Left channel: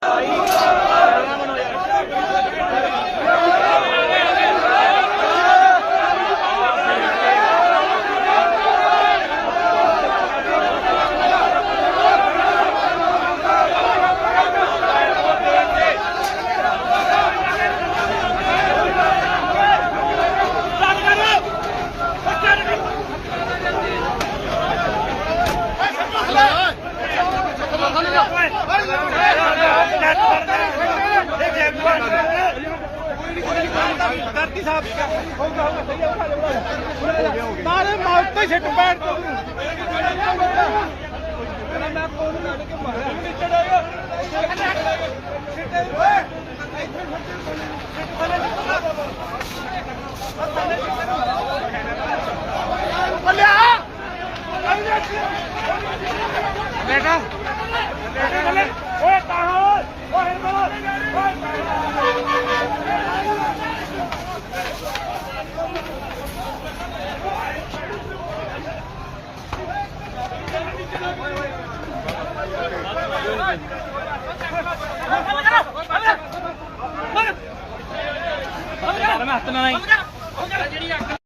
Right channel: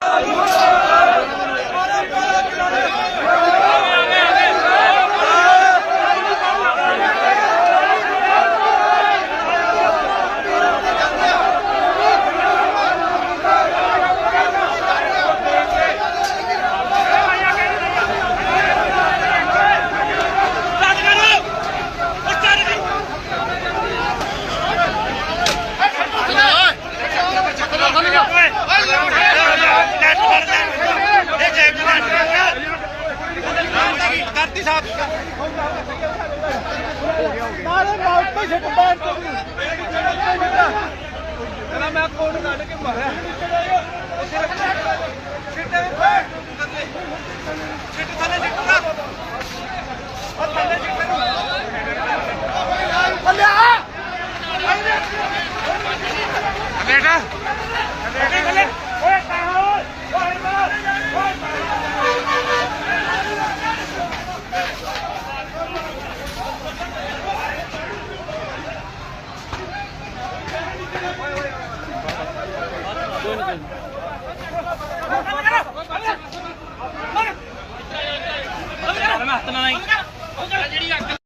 Oh, ਕਰਤੀ ਸਾਹਿਬ ਮਾਰੇ ਮੌਤ ਤੇ ਛੱਟ ਪੈਣ ਤੋਂ ਤੇਰਾ ਮੈਂ ਕੋਣ ਕੱਢ ਕੇ ਮਾਰਿਆ ਨਿਕਲਿਆ ਛੱਟੇ ਛੱਟ ਥੱਲੇ ਨਿਕਲਦਾ ਬੇਟਾ। Come on, come on.